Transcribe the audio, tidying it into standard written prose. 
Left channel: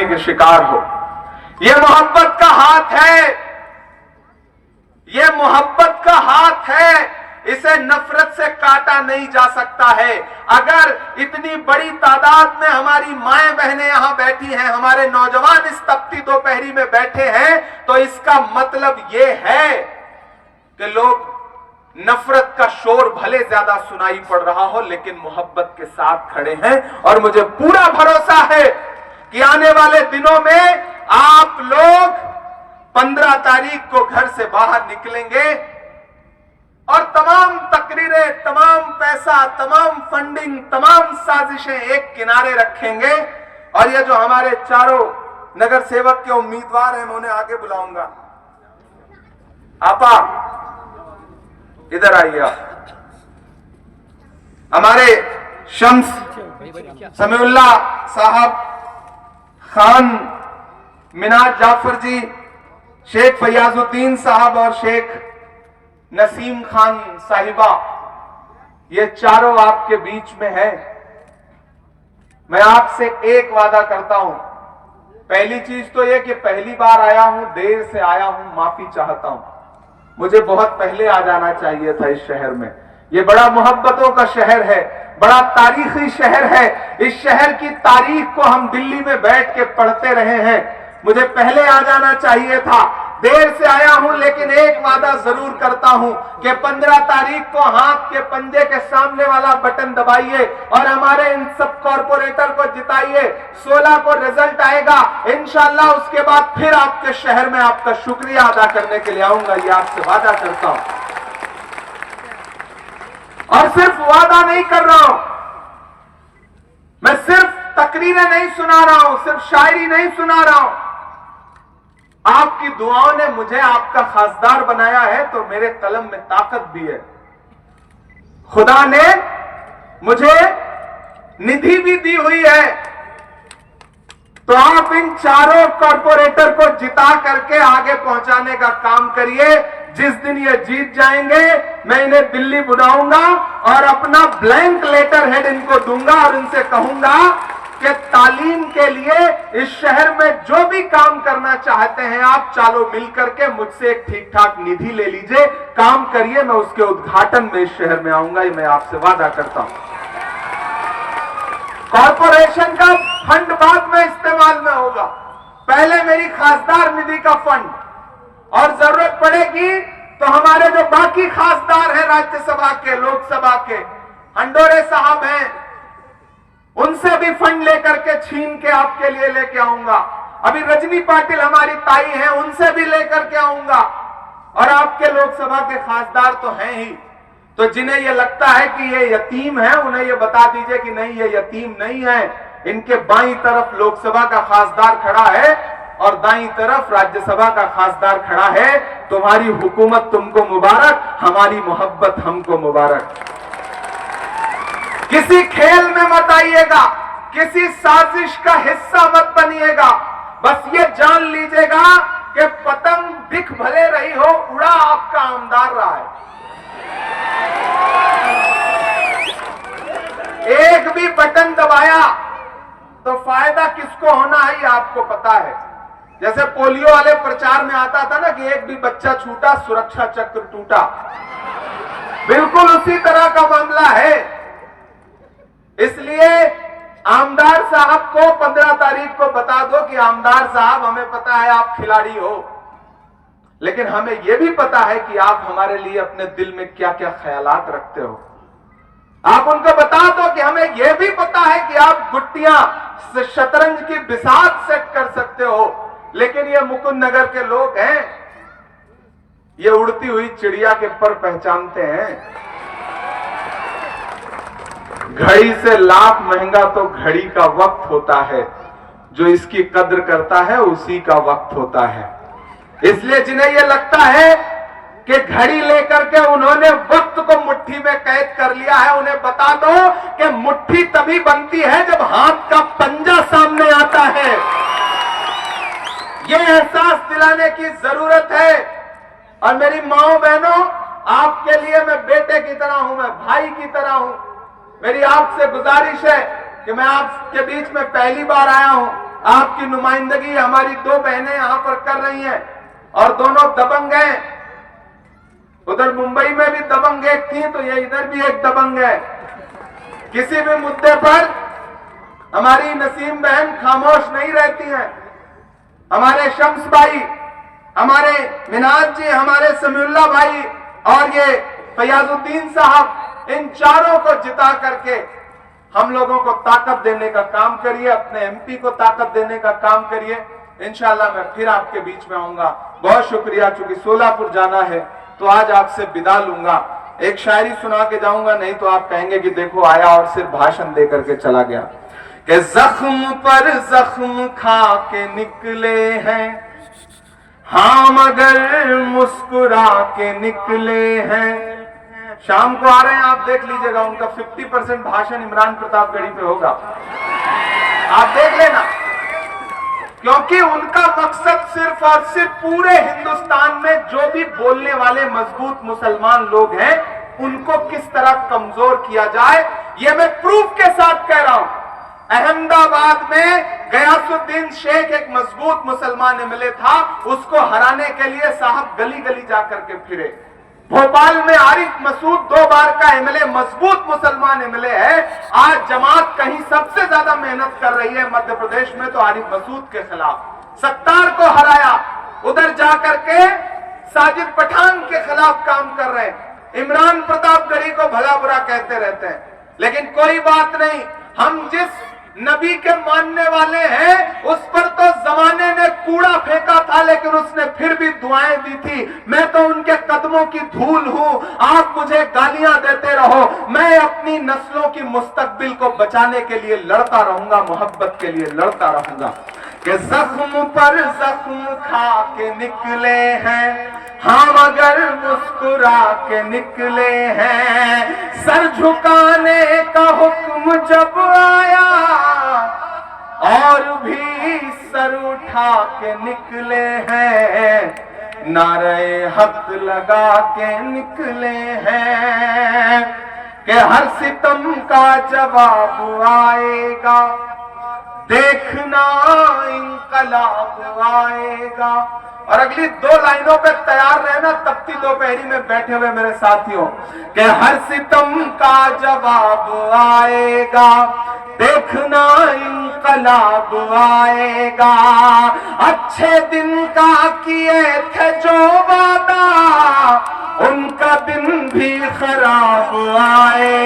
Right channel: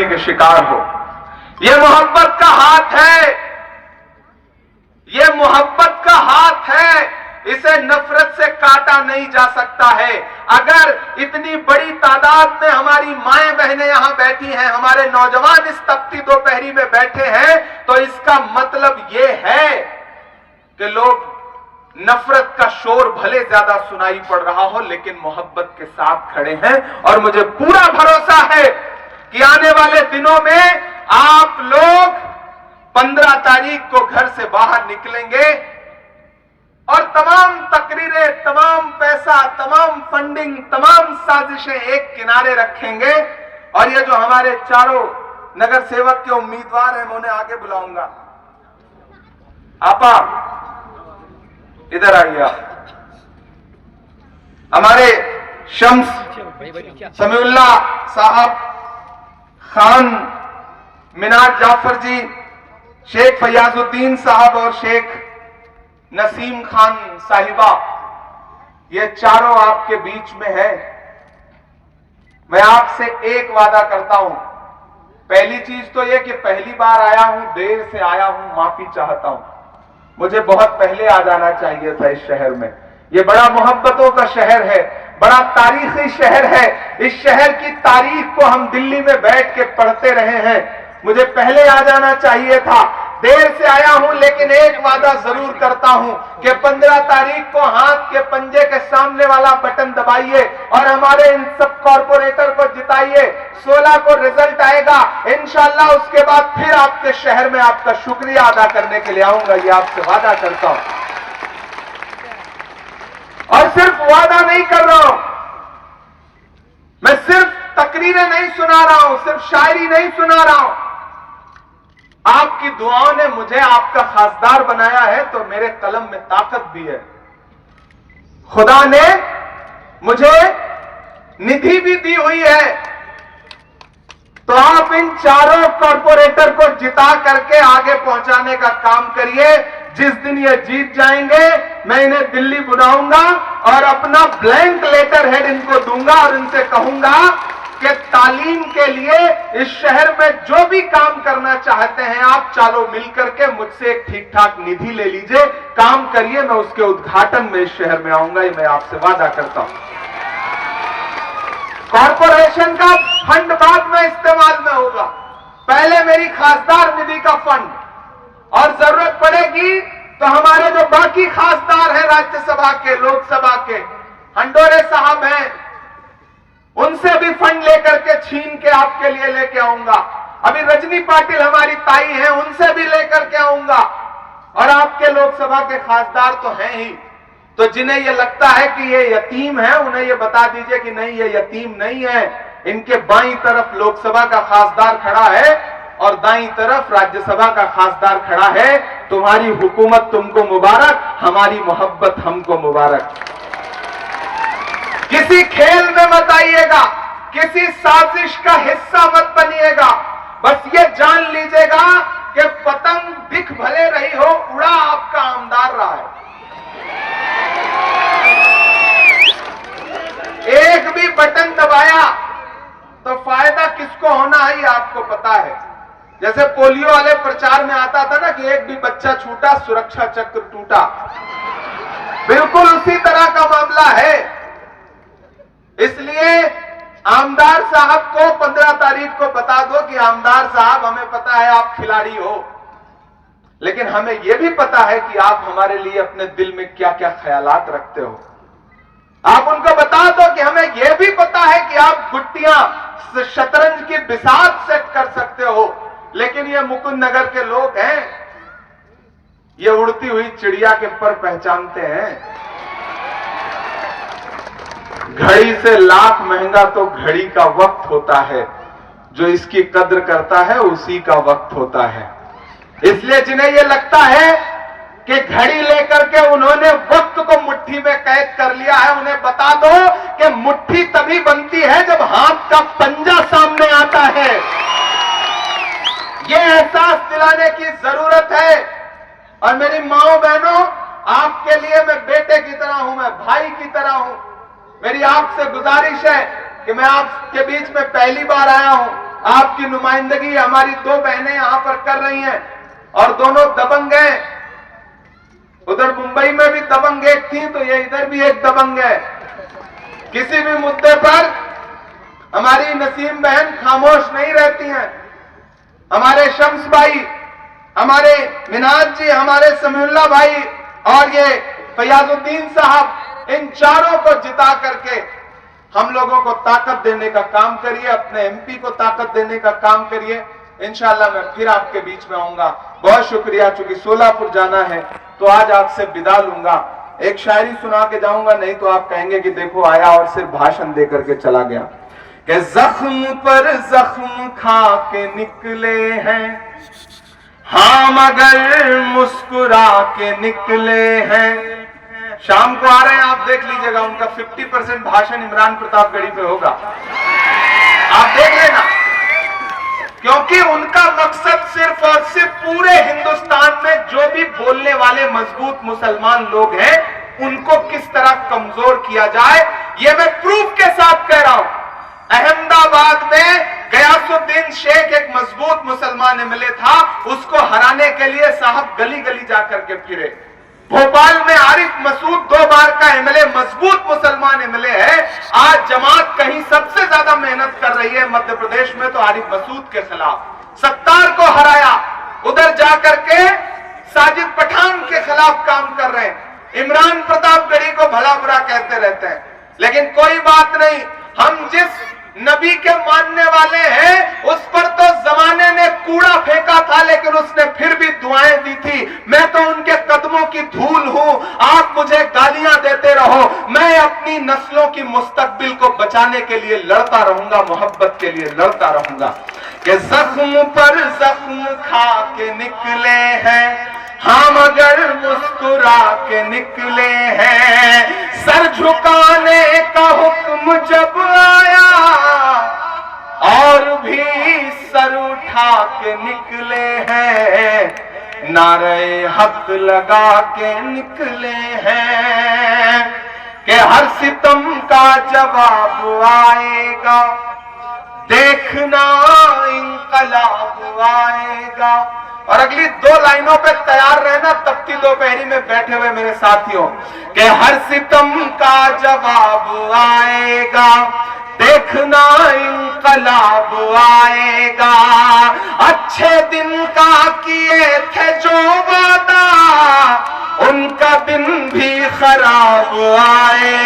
बेरहमी के शिकार हो। ये मोहब्बत का हाथ है, ये मोहब्बत का हाथ है, इसे नफरत से काटा नहीं जा सकता है। अगर इतनी बड़ी तादाद में हमारी माएं बहनें यहां बैठी हैं, हमारे नौजवान इस तपती दोपहरी में बैठे हैं, तो इसका मतलब यह है कि लोग नफरत का शोर भले ज्यादा सुनाई पड़ रहा हो, लेकिन मोहब्बत के साथ खड़े हैं। और मुझे पूरा भरोसा है कि आने वाले दिनों में आप लोग 15 तारीख को घर से बाहर निकलेंगे और तमाम तकरीरें, तमाम पैसा, तमाम फंडिंग, तमाम साजिशें एक किनारे रखेंगे। और ये जो हमारे चारों नगर सेवक के उम्मीदवार हैं, मैं उन्हें आगे बुलाऊंगा। आपा इधर आइए। हमारे शम्स समीउल्ला साहब, खान मिनार जाफर जी, शेख फयाजुद्दीन साहब और शेख नसीम खान साहिबा, ये चारों आपके बीच में है। मैं आपसे एक वादा करता हूं। पहली चीज तो यह कि पहली बार आया हूं, देर से आया हूं, माफी चाहता हूं। मुझे बहुत पहले आ जाना चाहिए था इस शहर में। यह बड़ा मोहब्बतों का शहर है, बड़ा तारीखी शहर है। इस शहर की तारीख को हम दिल्ली में बैठ के पढ़ते रहे हैं। मुझे पहले आ जाना चाहिए था, देर से आया हूं, लेकिन एक वादा जरूर करता हूं कि 15 तारीख को हाथ के पंजे के सामने वाला बटन दबाइए और हमारे इन सब कॉर्पोरेटर को जिताइए। 16 को रिजल्ट आएगा इंशाअल्लाह। उसके बाद फिर आपके शहर में आपका शुक्रिया अदा करने के लिए आऊंगा, ये आपसे वादा करता हूं। और सिर्फ वादा नहीं कर रहा हूं मैं, सिर्फ तकरीरें नहीं सुना रहा हूं, सिर्फ शायरी नहीं सुना रहा हूं। आपकी दुआओं ने मुझे आपका खासदार बनाया है, तो मेरे कलम में ताकत भी है। खुदा ने मुझे निधि भी दी हुई है। तो आप इन चारों कॉर्पोरेटर को जिता करके आगे पहुंचाने का काम करिए। जिस दिन ये जीत जाएंगे, मैं इन्हें दिल्ली बुलाऊंगा और अपना ब्लैंक लेटर हेड इनको दूंगा और इनसे कहूंगा कि तालीम के लिए इस शहर में जो भी काम करना चाहते हैं आप, चालो मिलकर के मुझसे एक ठीक ठाक निधि ले लीजिए, काम करिए। मैं उसके उद्घाटन में इस शहर में आऊंगा, ये मैं आपसे वादा करता हूं। कॉर्पोरेशन का फंड बाद में इस्तेमाल में होगा, पहले मेरी खासदार निधि का फंड। और जरूरत पड़ेगी तो हमारे जो बाकी खासदार हैं राज्यसभा के, लोकसभा के, हंडोरे साहब हैं, उनसे भी फंड लेकर के छीन के आपके लिए लेके आऊंगा। अभी रजनी पाटिल हमारी ताई हैं, उनसे भी लेकर के आऊंगा। और आपके लोकसभा के खासदार तो हैं ही, तो जिन्हें यह लगता है कि ये यतीम है, उन्हें यह बता दीजिए कि नहीं, ये यतीम नहीं है। इनके बाईं तरफ लोकसभा का खासदार खड़ा है और दाईं तरफ राज्यसभा का खासदार खड़ा है। तुम्हारी हुकूमत तुमको मुबारक, हमारी मोहब्बत हमको मुबारक। किसी खेल में मत आइएगा, किसी साजिश का हिस्सा मत बनिएगा। बस ये जान लीजिएगा कि पतंग दिख भले रही हो, उड़ा आपका आमदार रहा है। एक भी बटन दबाया तो फायदा किसको होना है ये आपको पता है। जैसे पोलियो वाले प्रचार में आता था ना कि एक भी बच्चा छूटा सुरक्षा चक्र टूटा, बिल्कुल उसी तरह का मामला है। इसलिए आमदार साहब को 15 तारीख को बता दो कि आमदार साहब, हमें पता है आप खिलाड़ी हो, लेकिन हमें यह भी पता है कि आप हमारे लिए अपने दिल में क्या क्या ख्यालात रखते हो। आप उनको बता दो कि हमें यह भी पता है कि आप गुट्टियां, शतरंज की बिसात सेट कर सकते हो, लेकिन ये मुकुंद नगर के लोग हैं, ये उड़ती हुई चिड़िया के पर पहचानते हैं। घड़ी से लाख महंगा तो घड़ी का वक्त होता है, जो इसकी कद्र करता है उसी का वक्त होता है। इसलिए जिन्हें यह लगता है कि घड़ी लेकर के उन्होंने वक्त को मुट्ठी में कैद कर लिया है, उन्हें बता दो कि मुट्ठी तभी बनती है जब हाथ का पंजा सामने आता है। यह एहसास दिलाने की जरूरत है। और मेरी माओ बहनों, आपके लिए मैं बेटे की तरह हूं, मैं भाई की तरह हूं। मेरी आपसे गुजारिश है कि मैं आपके बीच में पहली बार आया हूं, आपकी नुमाइंदगी हमारी दो बहनें यहां पर कर रही हैं और दोनों दबंग हैं। उधर मुंबई में भी दबंग एक थी, तो ये इधर भी एक दबंग है। किसी भी मुद्दे पर हमारी नसीम बहन खामोश नहीं रहती हैं। हमारे शम्स भाई, हमारे मिनाज जी, हमारे समीउल्लाह भाई और ये फयाजुद्दीन साहब, इन चारों को जिता करके हम लोगों को ताकत देने का काम करिए, अपने एमपी को ताकत देने का काम करिए। इंशाल्लाह मैं फिर आपके बीच में आऊंगा। बहुत शुक्रिया। चूंकि सोलापुर जाना है तो आज आपसे विदा लूंगा। एक शायरी सुना के जाऊंगा, नहीं तो आप कहेंगे कि देखो आया और सिर्फ भाषण दे करके चला गया। कि जख्म पर जख्म खा के निकले हैं हाँ, मगर मुस्कुरा के निकले हैं। शाम को आ रहे हैं, आप देख लीजिएगा, उनका 50% भाषण इमरान प्रतापगढ़ी पे होगा, आप देख लेना। क्योंकि उनका मकसद सिर्फ और सिर्फ पूरे हिंदुस्तान में जो भी बोलने वाले मजबूत मुसलमान लोग हैं उनको किस तरह कमजोर किया जाए, यह मैं प्रूफ के साथ कह रहा हूं। अहमदाबाद में गयासुद्दीन शेख एक मजबूत मुसलमान एमएलए था, उसको हराने के लिए साहब गली गली जाकर के फिरे। भोपाल में आरिफ मसूद 2 बार का एमएलए, मजबूत मुसलमान एमएलए है। आज जमात कहीं सबसे ज्यादा मेहनत कर रही है मध्य प्रदेश में, तो आरिफ मसूद के खिलाफ सत्तार को हराया। उधर जाकर के साजिद पठान के खिलाफ काम कर रहे हैं। इमरान प्रतापगढ़ी को भला बुरा कहते रहते हैं, लेकिन कोई बात नहीं। हम जिस नबी के मानने वाले हैं उस पर तो जमाने ने कूड़ा फेंका था, लेकिन उसने फिर भी दुआएं दी थी। मैं तो उनके कदमों की धूल हूं। आप मुझे गालियां देते रहो, मैं अपनी नस्लों की मुस्तकबिल को बचाने के लिए लड़ता रहूंगा, मोहब्बत के लिए लड़ता रहूंगा। कि जख्म पर जख्म खा के निकले हैं हाँ, मगर मुस्कुरा के निकले हैं। सर झुकाने का हुक्म जब आया और भी सर उठा के निकले हैं। नारे हक लगा के निकले हैं कि हर सितम का जवाब आएगा, देखना इंकलाब आएगा। और अगली 2 लाइनों पे तैयार रहना तपती दोपहरी में बैठे हुए मेरे साथियों, कि हर सितम का जवाब आएगा, देखना इंकलाब आएगा। अच्छे दिन का किए थे जो वादा, उनका दिन भी खराब आएगा।